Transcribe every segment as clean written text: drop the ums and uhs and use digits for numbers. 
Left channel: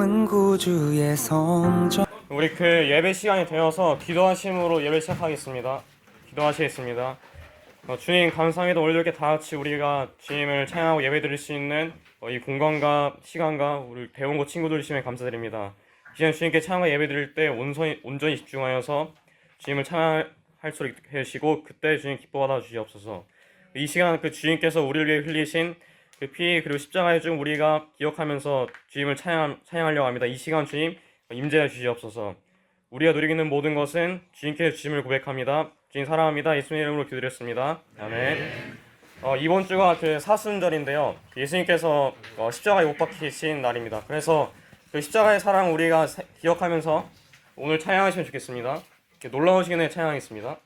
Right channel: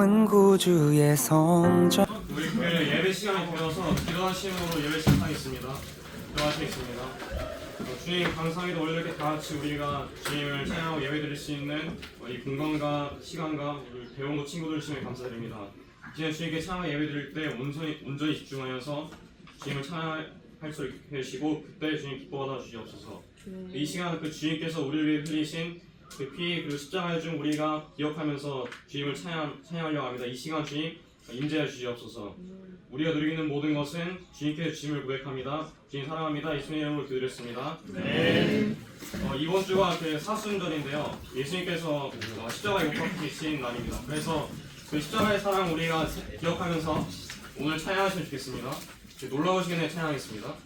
남은 구주의 성전. 우리 예배 시간이 되어서 기도하심으로 예배 시작하겠습니다. 기도하시겠습니다. 주님 감사합니다. 오늘 이렇게 다 같이 우리가 주님을 찬양하고 예배 드릴 수 있는 이 공간과 시간과 우리 배우고 친구들 주님에 감사드립니다. 이제 주님께 찬양과 예배 드릴 때 온전히 집중하여서 주님을 찬양할 수 있게 하시고 그때 주님 기뻐하다 주시옵소서. 이 시간 주님께서 우리를 위해 흘리신 피 그리고 십자가의 중 우리가 기억하면서 주님을 찬양하려고 합니다. 이 시간 주님 임재해 주시옵소서. 우리가 누리고 있는 모든 것은 주님께 주심을 고백합니다. 주님 사랑합니다. 예수님 이름으로 기도드렸습니다. 아멘. 이번 주가 사순절인데요. 예수님께서 십자가에 못 박히신 날입니다. 그래서 그 십자가의 사랑 우리가 기억하면서 오늘 찬양하시면 좋겠습니다. 놀라우시게 내 찬양하겠습니다.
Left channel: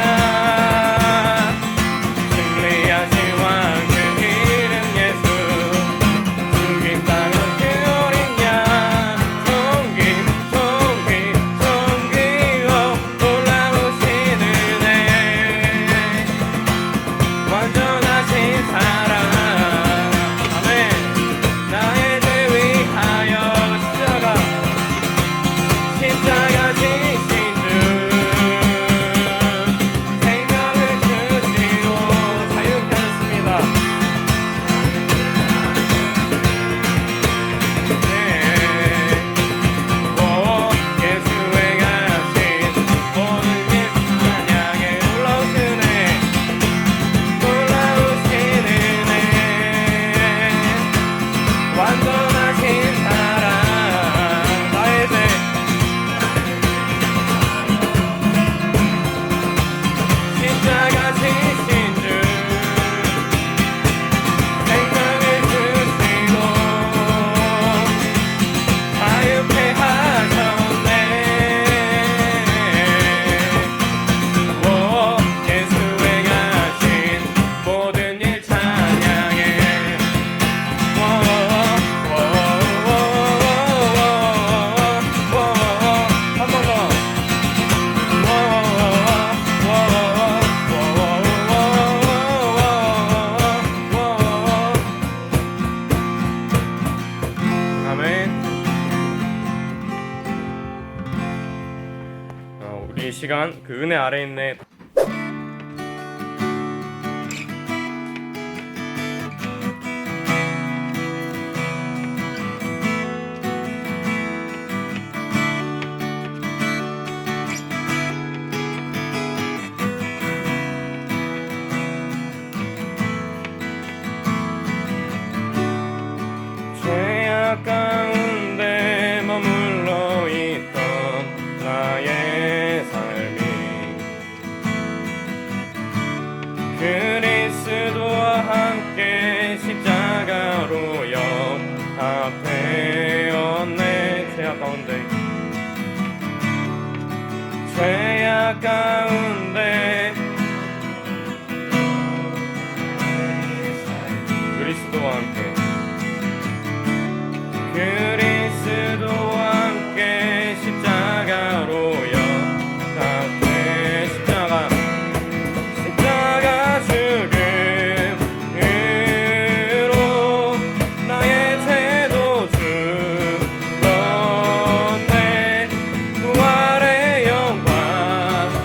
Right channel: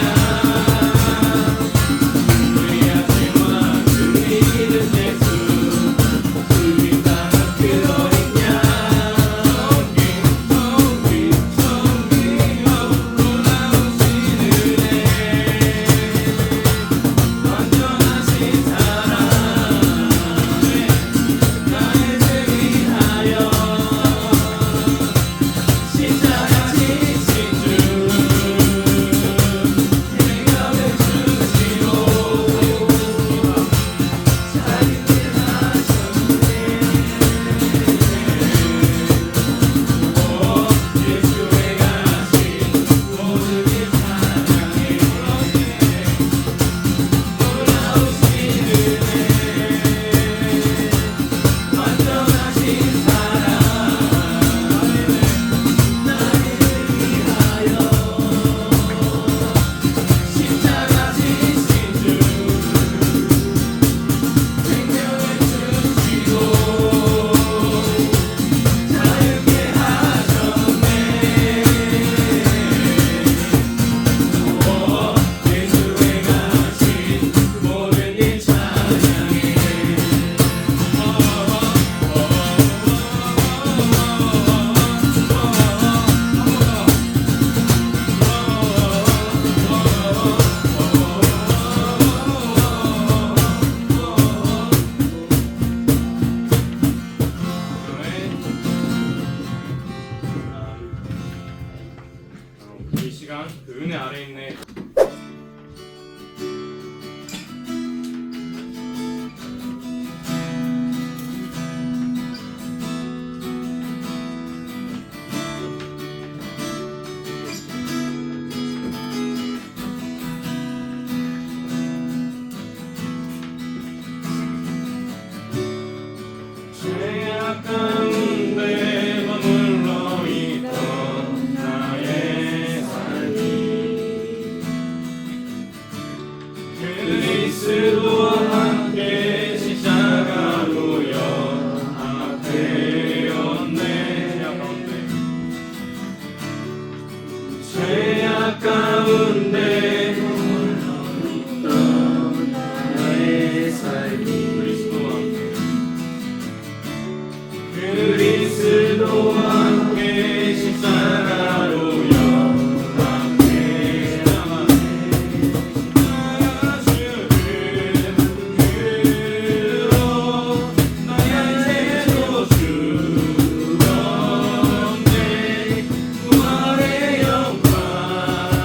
그 이 시간 그 은혜 아래 있는 죄악 가운데 머물러 있던 나의 삶이 그리스도와 함께 십자가로 연합되었네. 죄악 가운데 나의 삶이 그리스도와 함께 그리스도와 함께 십자가로 연합돼. 십자가 죽음으로 나의 죄도 죽었네. 부활의 영광으로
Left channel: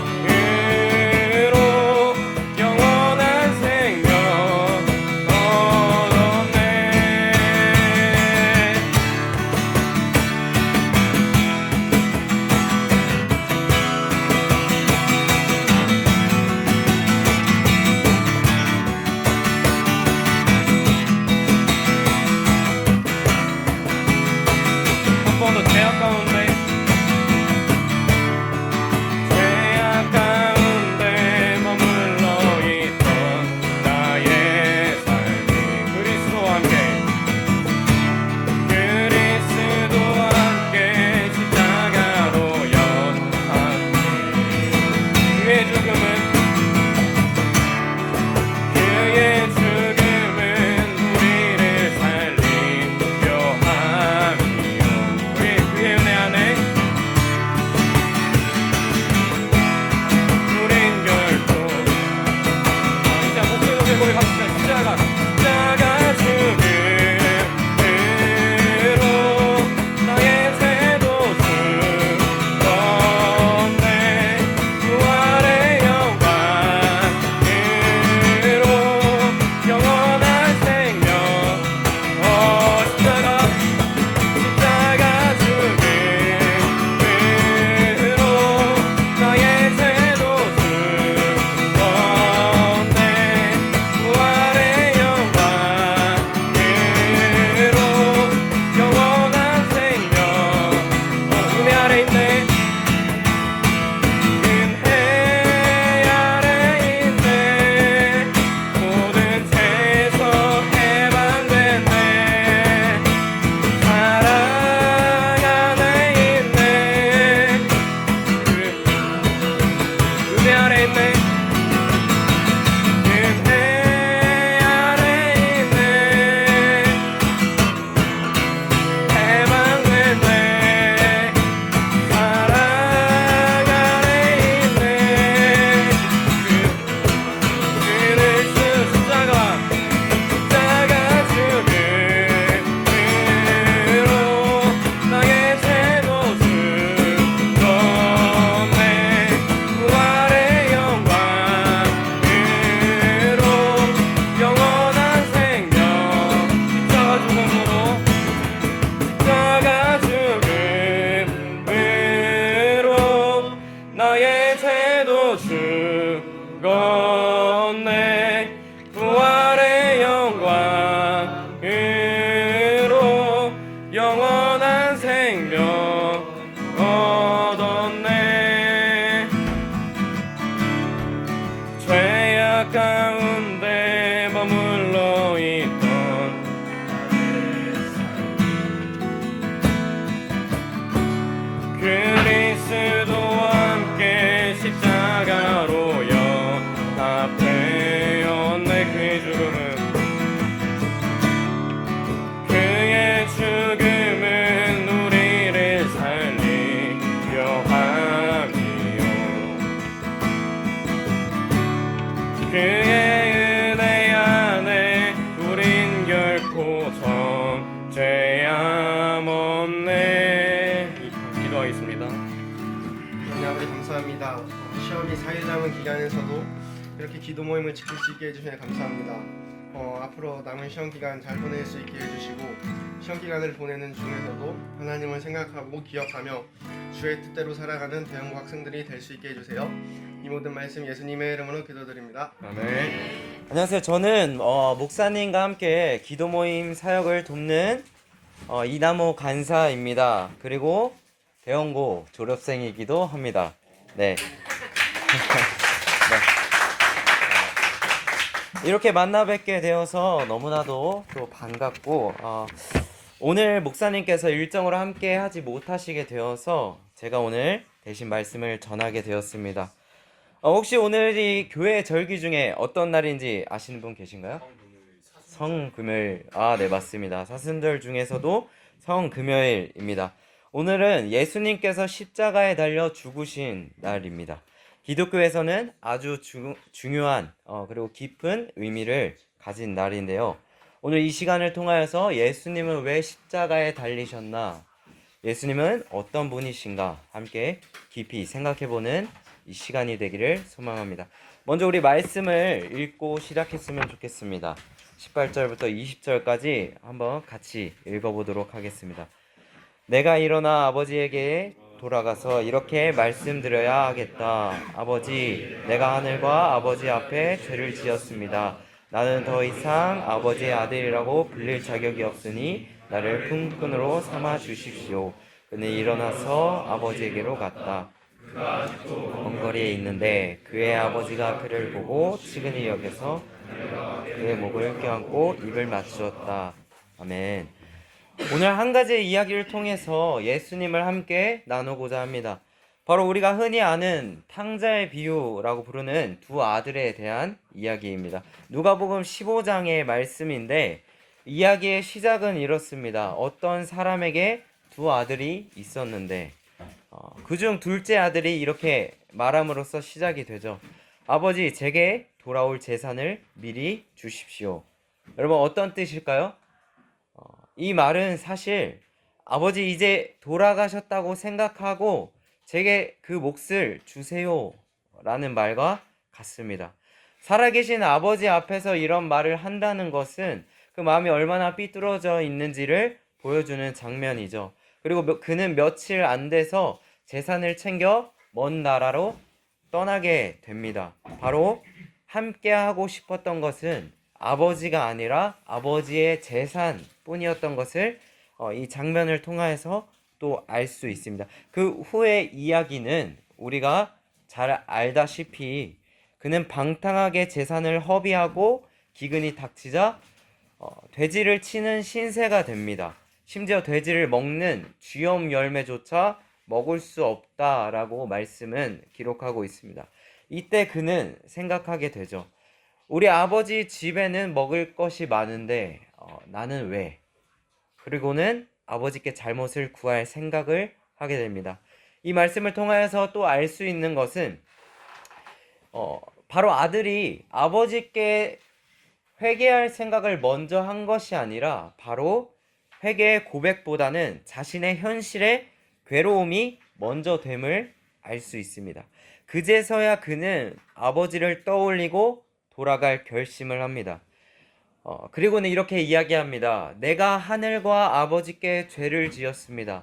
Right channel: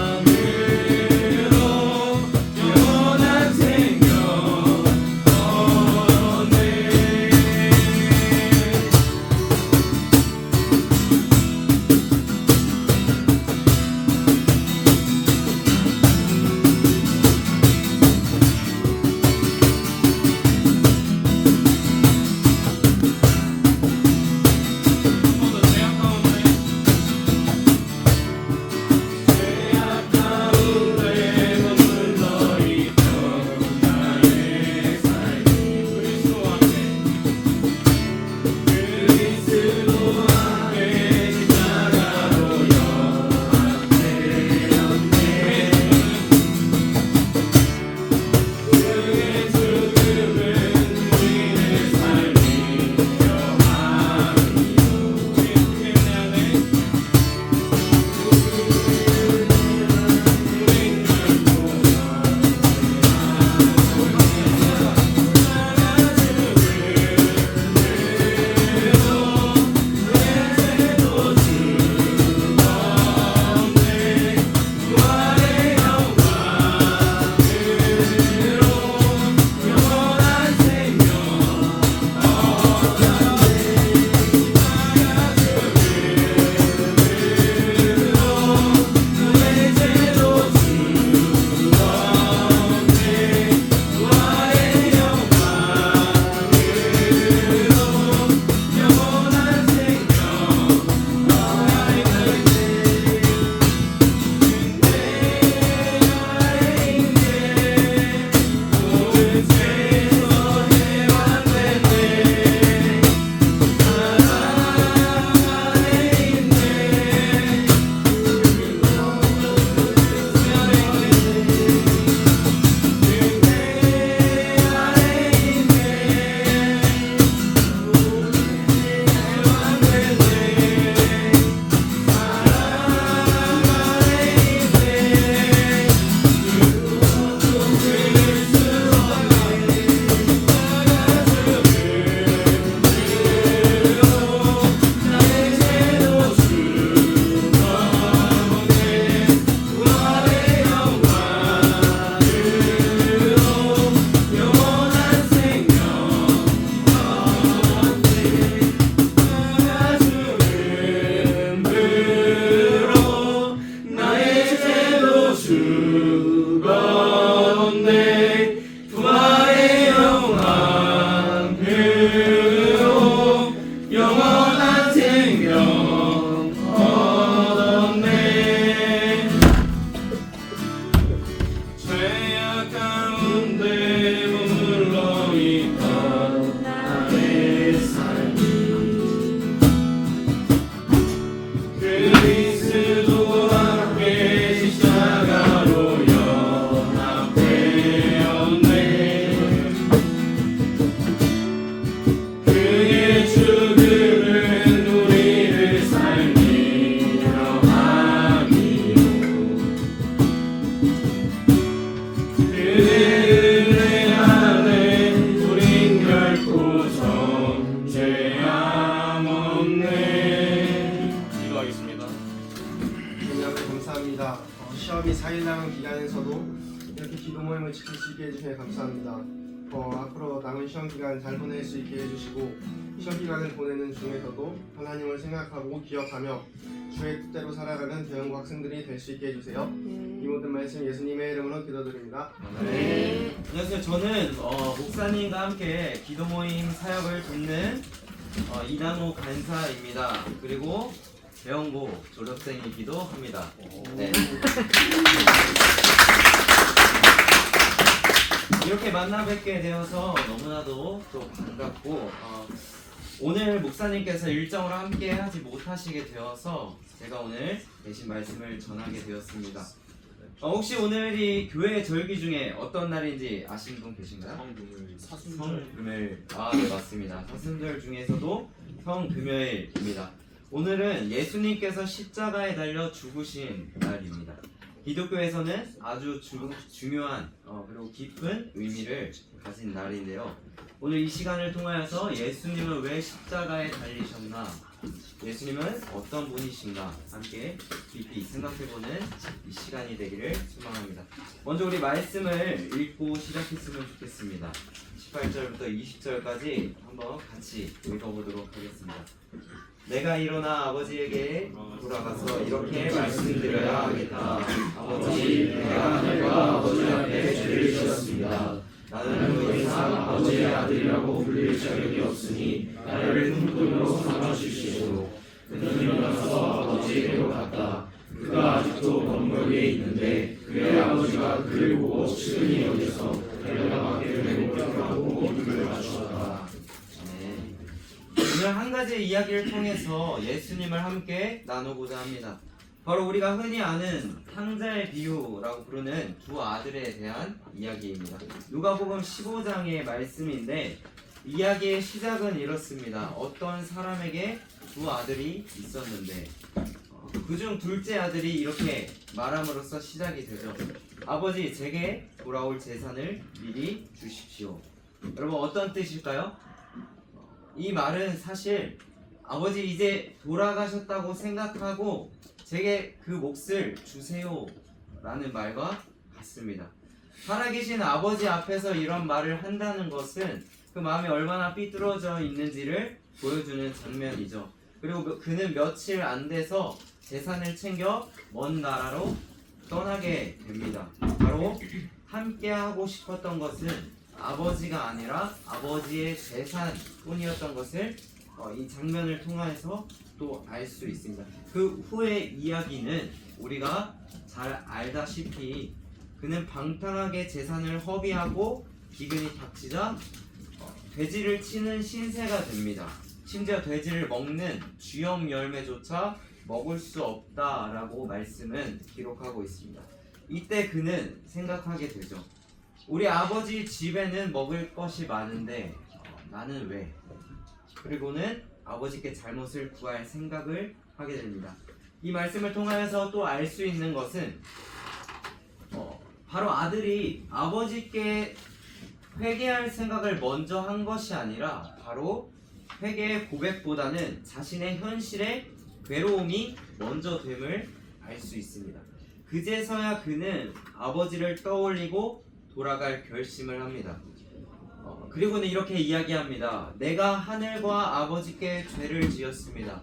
감사합니다. 시험이 4일 남은 기간에서도 이렇게 기도 모임을 지킬 수 있게 해주셔서 감사합니다. 앞으로 남은 시험 기간 잘 보낼 수 있게 해주시고 시험 기간을 보내는 중에서도 하나님을 생각하고 기억하며 주의 뜻대로 살아가는 대형고 학생들이 될 수 있게 해주세요. 이 모든 말씀 예수님의 이름으로 기도드립니다. 안녕하세요. 저는 목사님과 함께 기도 모임 사역을 돕는 이남호 간사입니다. 그리고 대형고 졸업생이기도 합니다. 네. 이렇게 만나 뵙게 되어서 너무나도 또 반갑고 오늘 목사님께서 일정으로 함께 하지 못하시게 되어서 제가 오늘 대신 말씀을 전하게 되었습니다. 혹시 오늘이 교회 절기 중에 어떤 날인지 아시는 분 계신가요? 성금요일. 네, 맞습니다. 사순절 중에서도 성금요일입니다. 오늘은 예수님께서 십자가에 달려 죽으신 날입니다. 기독교에서는 아주 중요한 그리고 깊은 의미를 가진 날인데요. 오늘 이 시간을 통하여서 예수님은 왜 십자가에 달리셨나, 예수님은 어떤 분이신가 함께 깊이 생각해보는 이 시간이 되기를 소망합니다. 먼저 우리 말씀을 읽고 시작했으면 좋겠습니다. 18절부터 20절까지 한번 같이 읽어보도록 하겠습니다. 내가 일어나 아버지에게 돌아가서 이렇게 말씀드려야 하겠다. 아버지, 내가 하늘과 아버지 앞에 죄를 지었습니다. 나는 더 이상 아버지의 아들이라고 불릴 자격이 없으니 나를 품꾼으로 삼아 주십시오. 그는 일어나서 아버지에게로 갔다. 그가 아직도 먼 거리에 있는데 그의 아버지가 그를 보고 시근히 여겨서 그의 목을 껴안고 입을 맞추었다. 아멘. 오늘 한 가지의 이야기를 통해서 예수님을 함께 나누고자 합니다. 바로 우리가 흔히 아는 탕자의 비유라고 부르는 두 아들에 대한 이야기입니다. 누가복음 15장의 말씀인데 이야기의 시작은 이렇습니다. 어떤 사람에게 두 아들이 있었는데 그중 둘째 아들이 이렇게 말함으로써 시작이 되죠. 아버지, 제게 돌아올 재산을 미리 주십시오. 여러분, 어떤 뜻일까요? 이 말은 사실 아버지 이제 돌아가셨다고 생각하고 제게 그 몫을 주세요 라는 말과 같습니다. 살아계신 아버지 앞에서 이런 말을 한다는 것은 그 마음이 얼마나 삐뚤어져 있는지를 보여주는 장면이죠. 그리고 그는 며칠 안 돼서 재산을 챙겨 먼 나라로 떠나게 됩니다. 바로 함께 하고 싶었던 것은 아버지가 아니라 아버지의 재산뿐이었던 것을 이 장면을 통해서 또 알 수 있습니다. 그 후의 이야기는 우리가 잘 알다시피 그는 방탕하게 재산을 허비하고 기근이 닥치자 돼지를 치는 신세가 됩니다. 심지어 돼지를 먹는 쥐염 열매조차 먹을 수 없다라고 말씀은 기록하고 있습니다. 이때 그는 생각하게 되죠. 우리 아버지 집에는 먹을 것이 많은데 나는 왜? 그리고는 아버지께 잘못을 구할 생각을 하게 됩니다. 이 말씀을 통하여서 또 알 수 있는 것은 바로 아들이 아버지께 회개할 생각을 먼저 한 것이 아니라 바로 회개의 고백보다는 자신의 현실의 괴로움이 먼저 됨을 알 수 있습니다. 그제서야 그는 아버지를 떠올리고 돌아갈 결심을 합니다. 그리고는 이렇게 이야기합니다. 내가 하늘과 아버지께 죄를 지었습니다.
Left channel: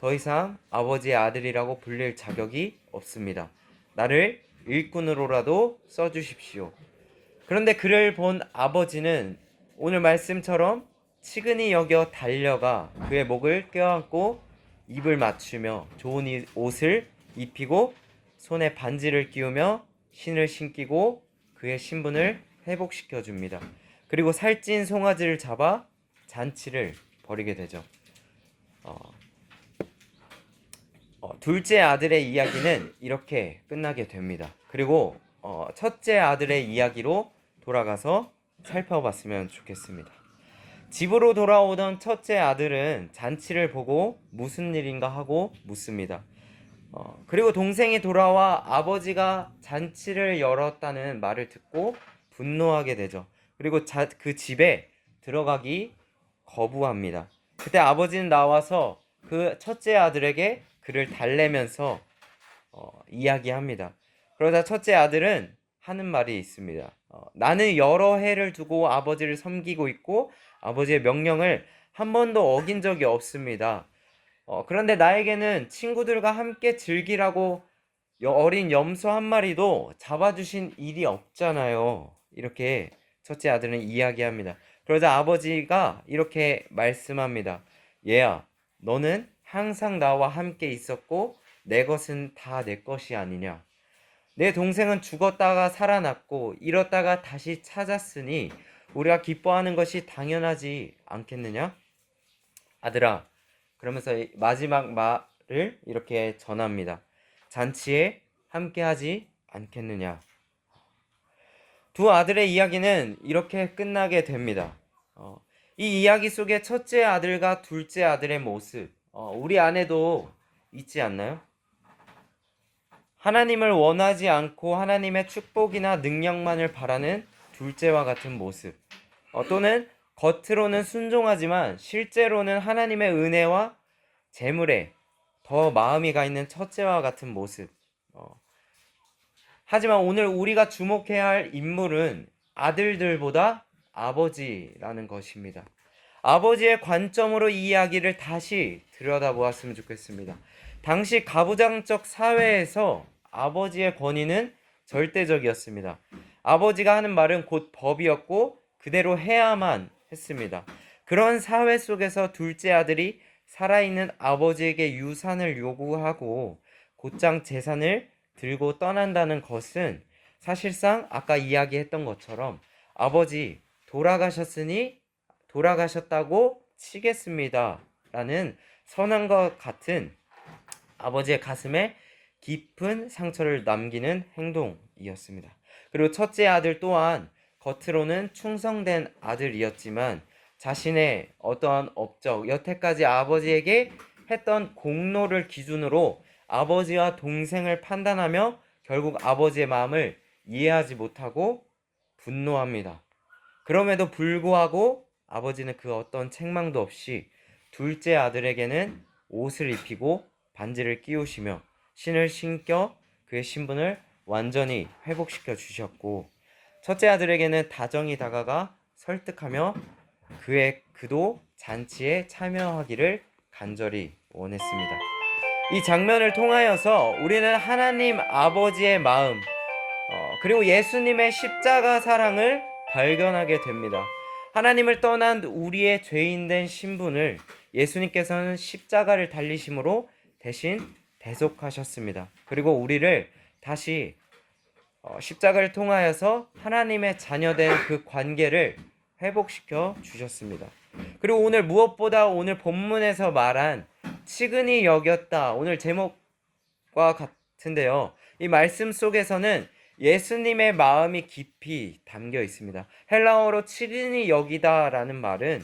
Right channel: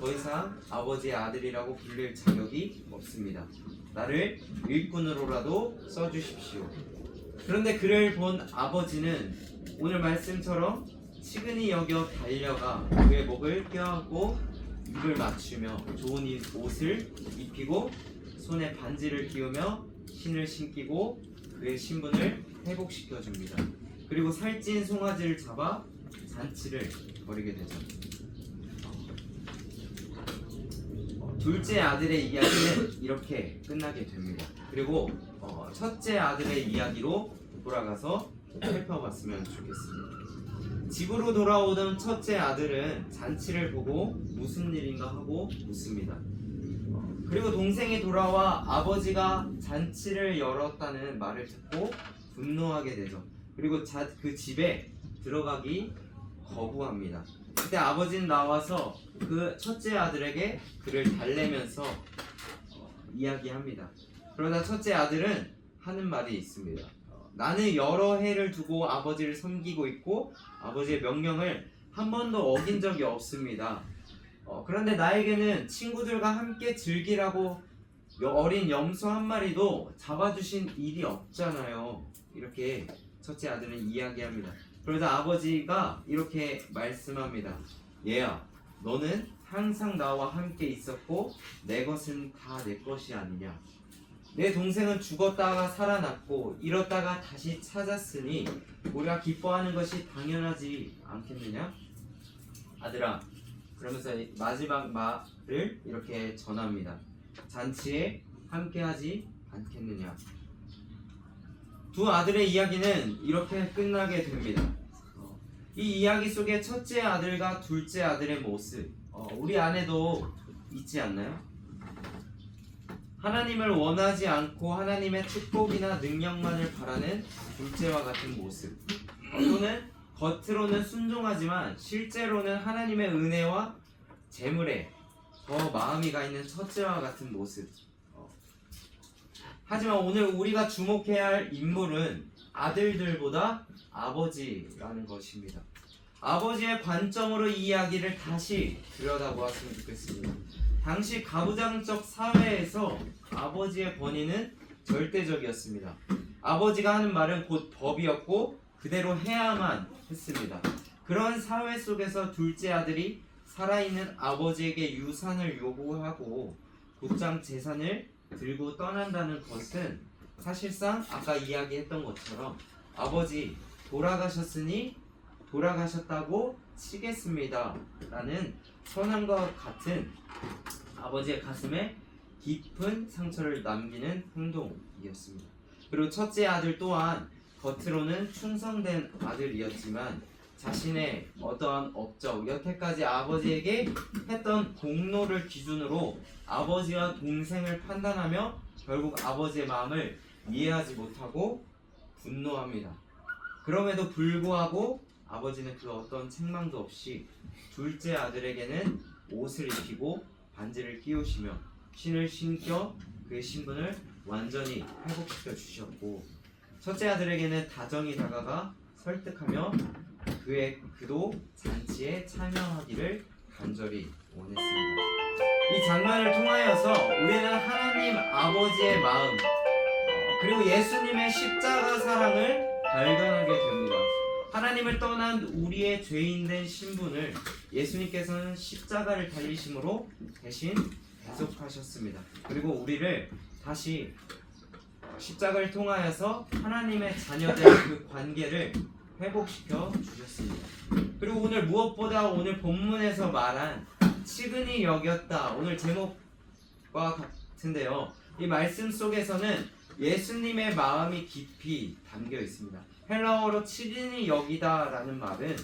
더 이상 아버지의 아들이라고 불릴 자격이 없습니다. 나를 일꾼으로라도 써주십시오. 그런데 그를 본 아버지는 오늘 말씀처럼 치근히 여겨 달려가 그의 목을 껴안고 입을 맞추며 좋은 옷을 입히고 손에 반지를 끼우며 신을 신기고 그의 신분을 회복시켜 줍니다. 그리고 살찐 송아지를 잡아 잔치를 벌이게 되죠. 둘째 아들의 이야기는 이렇게 끝나게 됩니다. 그리고 첫째 아들의 이야기로 돌아가서 살펴봤으면 좋겠습니다. 집으로 돌아오던 첫째 아들은 잔치를 보고 무슨 일인가 하고 묻습니다. 그리고 동생이 돌아와 아버지가 잔치를 열었다는 말을 듣고 분노하게 되죠. 그리고 그 집에 들어가기 거부합니다. 그때 아버지는 나와서 그 첫째 아들에게 그를 달래면서 이야기합니다. 그러다 첫째 아들은 하는 말이 있습니다. 나는 여러 해를 두고 아버지를 섬기고 있고 아버지의 명령을 한 번도 어긴 적이 없습니다. 그런데 나에게는 친구들과 함께 즐기라고 어린 염소 한 마리도 잡아주신 일이 없잖아요. 이렇게 첫째 아들은 이야기합니다. 그러자 아버지가 이렇게 말씀합니다. 얘야, 너는 항상 나와 함께 있었고 내 것은 다 내 것이 아니냐. 내 동생은 죽었다가 살아났고 잃었다가 다시 찾았으니 우리가 기뻐하는 것이 당연하지 않겠느냐? 아들아, 그러면서 마지막 말을 이렇게 전합니다. 잔치에 함께하지 않겠느냐? 두 아들의 이야기는 이렇게 끝나게 됩니다. 이 이야기 속에 첫째 아들과 둘째 아들의 모습, 우리 안에도 있지 않나요? 하나님을 원하지 않고 하나님의 축복이나 능력만을 바라는 둘째와 같은 모습, 또는 겉으로는 순종하지만 실제로는 하나님의 은혜와 재물에 더 마음이 가 있는 첫째와 같은 모습. 하지만 오늘 우리가 주목해야 할 인물은 아들들보다 아버지라는 것입니다. 아버지의 관점으로 이 이야기를 다시 들여다보았으면 좋겠습니다. 당시 가부장적 사회에서 아버지의 권위는 절대적이었습니다. 아버지가 하는 말은 곧 법이었고 그대로 해야만 했습니다. 그런 사회 속에서 둘째 아들이 살아있는 아버지에게 유산을 요구하고 곧장 재산을 들고 떠난다는 것은 사실상 아까 이야기했던 것처럼 아버지 돌아가셨으니 돌아가셨다고 치겠습니다 라는 선언과 같은 아버지의 가슴에 깊은 상처를 남기는 행동이었습니다. 그리고 첫째 아들 또한 겉으로는 충성된 아들이었지만 자신의 어떠한 업적, 여태까지 아버지에게 했던 공로를 기준으로 아버지와 동생을 판단하며 결국 아버지의 마음을 이해하지 못하고 분노합니다. 그럼에도 불구하고 아버지는 그 어떤 책망도 없이 둘째 아들에게는 옷을 입히고 반지를 끼우시며 신을 신겨 그의 신분을 완전히 회복시켜 주셨고, 첫째 아들에게는 다정히 다가가 설득하며 그도 잔치에 참여하기를 간절히 원했습니다. 이 장면을 통하여서 우리는 하나님 아버지의 마음, 그리고 예수님의 십자가 사랑을 발견하게 됩니다. 하나님을 떠난 우리의 죄인된 신분을 예수님께서는 십자가를 달리심으로 대신 대속하셨습니다. 그리고 우리를 다시 십자가를 통하여서 하나님의 자녀된 그 관계를 회복시켜 주셨습니다. 그리고 오늘 무엇보다 오늘 본문에서 말한 치근히 여겼다, 오늘 제목과 같은데요, 이 말씀 속에서는 예수님의 마음이 깊이 담겨 있습니다. 헬라어로 치근히 여기다 라는 말은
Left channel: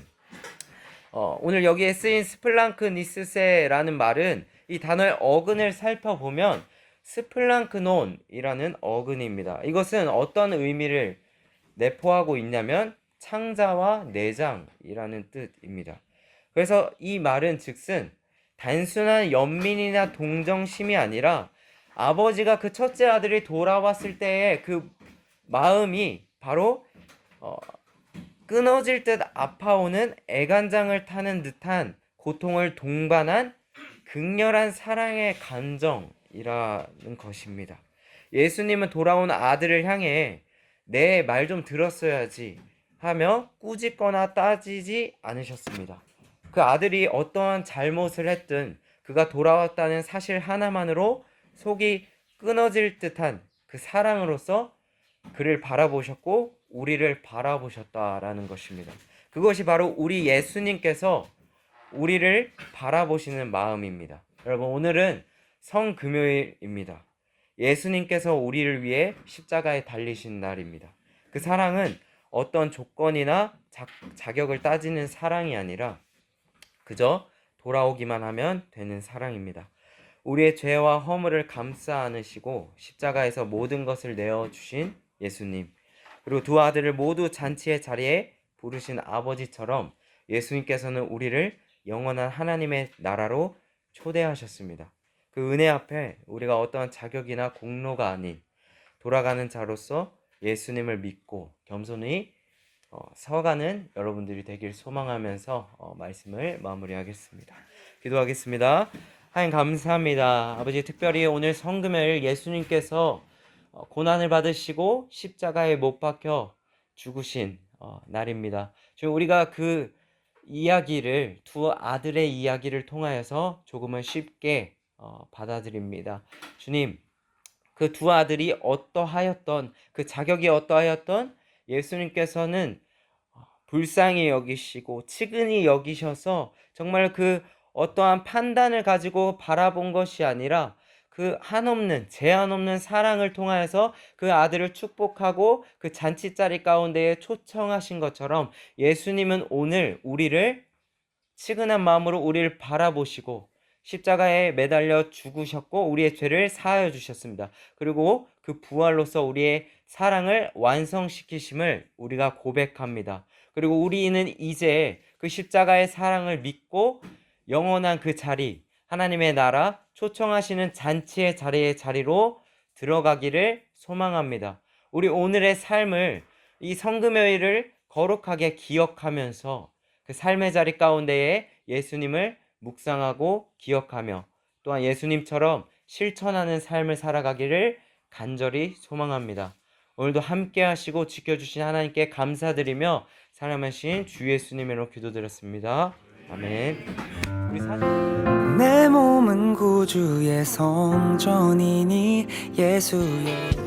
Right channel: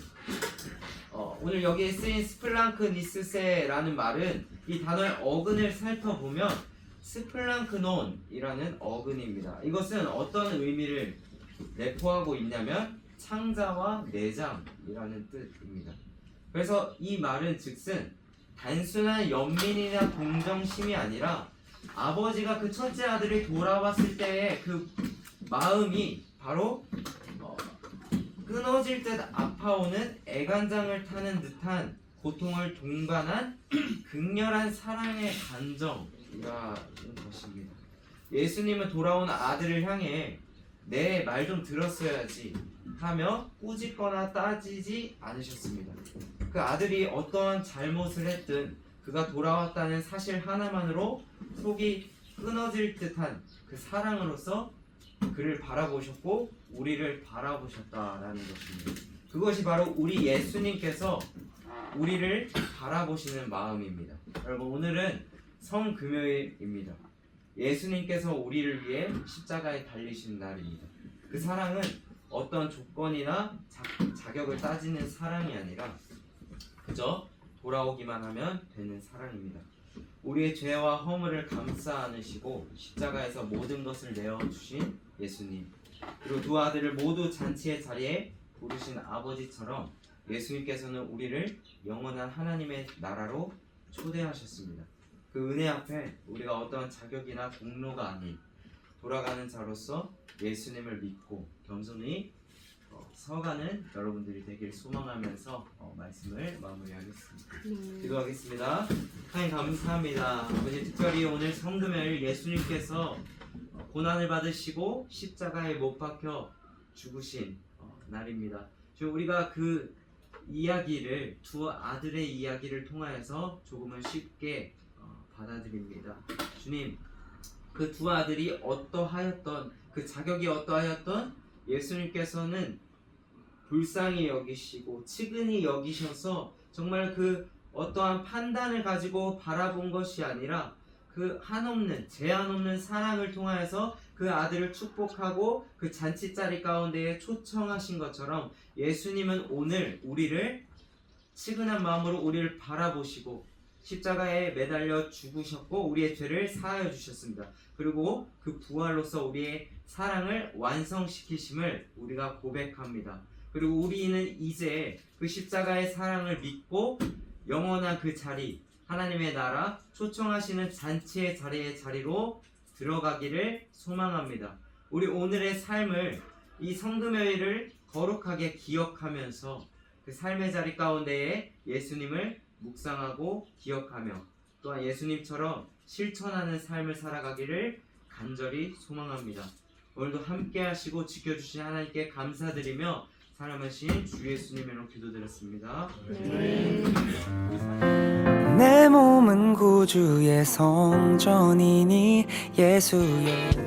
오늘 여기에 쓰인 스플랑크니스세라는 말은 이 단어의 어근을 살펴보면 스플랑크논이라는 어근입니다. 이것은 어떤 의미를 내포하고 있냐면 창자와 내장이라는 뜻입니다. 그래서 이 말은 즉슨 단순한 연민이나 동정심이 아니라 아버지가 그 첫째 아들이 돌아왔을 때의 그 마음이 바로 끊어질 듯 아파오는 애간장을 타는 듯한 고통을 동반한 극렬한 사랑의 감정이라는 것입니다. 예수님은 돌아온 아들을 향해 내 말 좀 들었어야지 하며 꾸짖거나 따지지 않으셨습니다. 그 아들이 어떠한 잘못을 했든 그가 돌아왔다는 사실 하나만으로 속이 끊어질 듯한 그 사랑으로서 그를 바라보셨고 우리를 바라보셨다라는 것입니다. 그것이 바로 우리 예수님께서 우리를 바라보시는 마음입니다. 여러분, 오늘은 성금요일입니다. 예수님께서 우리를 위해 십자가에 달리신 날입니다. 그 사랑은 어떤 조건이나 자격을 따지는 사랑이 아니라 그저 돌아오기만 하면 되는 사랑입니다. 우리의 죄와 허물을 감싸 안으시고 십자가에서 모든 것을 내어주신 예수님, 그리고 두 아들을 모두 잔치의 자리에 부르신 아버지처럼 예수님께서는 우리를 영원한 하나님의 나라로 초대하셨습니다. 그 은혜 앞에 우리가 어떠한 자격이나 공로가 아닌 돌아가는 자로서 예수님을 믿고 겸손히 서가는 여러분들이 되길 소망하면서 말씀을 마무리하겠습니다. 기도하겠습니다. 하나님 감사합니다. 아버지, 특별히 오늘 성금요일 예수님께서 고난을 받으시고 십자가에 못 박혀 죽으신 날입니다. 지금 우리가 그 이야기를, 두 아들의 이야기를 통하여서 조금은 쉽게 받아들입니다. 주님, 그 두 아들이 어떠하였던, 그 자격이 어떠하였던 예수님께서는 불쌍히 여기시고 측은히 여기셔서 정말 그 어떠한 판단을 가지고 바라본 것이 아니라 그 한없는, 제한 없는 사랑을 통하여서 그 아들을 축복하고 그 잔치자리 가운데에 초청하신 것처럼 예수님은 오늘 우리를 측은한 마음으로 우리를 바라보시고 십자가에 매달려 죽으셨고 우리의 죄를 사하여 주셨습니다. 그리고 그 부활로서 우리의 사랑을 완성시키심을 우리가 고백합니다. 그리고 우리는 이제 그 십자가의 사랑을 믿고 영원한 그 자리, 하나님의 나라, 초청하시는 잔치의 자리로 들어가기를 소망합니다. 우리 오늘의 삶을, 이 성금요일을 거룩하게 기억하면서 그 삶의 자리 가운데에 예수님을 묵상하고 기억하며 또한 예수님처럼 실천하는 삶을 살아가기를 간절히 소망합니다. 오늘도 함께 하시고 지켜주신 하나님께 감사드리며 사랑하신 주 예수님으로 기도드렸습니다. 아멘. 내 몸은 구주의 성전이니 예수의